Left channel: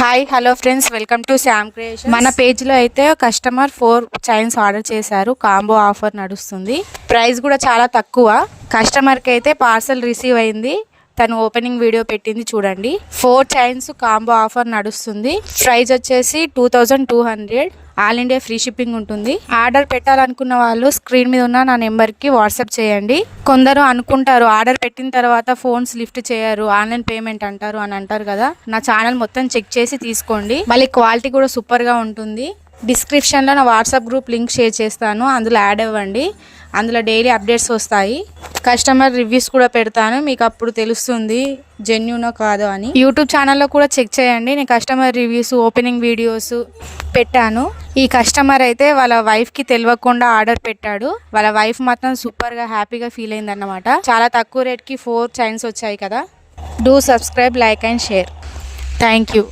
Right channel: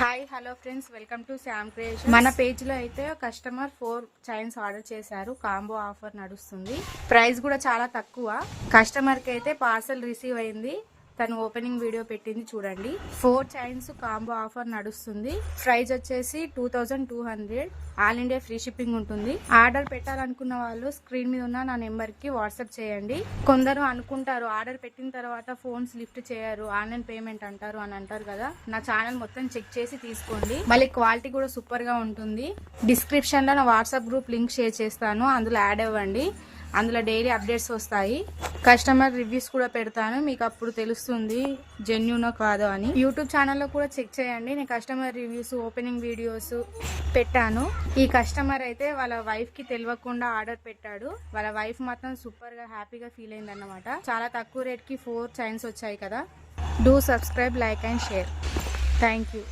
Hi hello friends, welcome to Sam creation. మన పేజ్లో అయితే కస్టమర్ 4 చైన్స్ ఆర్డర్ చేశారు. కాంబో ఆఫర్ నడుస్తుంది. ప్రైస్ కూడా చాలా తక్కువ. కస్టమర్కి అయితే పార్సల్ రిసీవ్ అయింది. తను ఓపెనింగ్ వీడియో పెట్టింది చూడండి. 4 చైన్స్ కాంబో ఆఫర్ నడుస్తుంది. ప్రైస్ వచ్చేసి 2200. ఆల్ ఇండియా ఫ్రీ షిప్పింగ్ ఉంటుంది. ఆర్డర్ పెట్టాలనుకున్న వాళ్ళు స్క్రీన్ మీద ఉన్న నా నెంబర్కి వాట్సాప్ చేయండి. కొందరు అనుకుంటారు ఆర్డర్ పెట్టిన తర్వాత ఫోన్స్ లిఫ్ట్ చేయరు, ఆన్లైన్ పేమెంట్ అంటారు అని అంటారు కదా. నా ఛానల్ మొత్తం చెక్ చేసి తీసుకోండి. మళ్ళీ క్వాలిటీ కూడా సూపర్గా ఉంటుంది. డిస్క్రిప్షన్లో నా వాట్సాప్ గ్రూప్ లింక్ షేర్ చేస్తాను, అందులో యాడ్ అవ్వండి. అందులో డైలీ అప్డేట్స్ వస్తాయి. కస్టమర్ రివ్యూస్ కూడా పెడతాను, మీకు అప్పుడు తెలుస్తుంది జెన్యూనో కాదో అని. యూట్యూబ్ ఛానల్లో కూడా చెక్ చేయండి. నేను కస్టమర్ రివ్యూస్, ఓపెనింగ్ వీడియోస్ పెట్టాను. ఈ కస్టమర్ అయితే వాళ్ళ వైఫ్కి తెలియకుండా ఆర్డర్ పెట్టాడు. వాళ్ళ వైఫ్ మాత్రం సూపర్గా హ్యాపీగా ఫీల్ అయిందన్నమాట. చాలా తక్కువ రేట్కి 4 చైన్స్ వచ్చాయి కదా. Do subscribe, like and share. Thank you.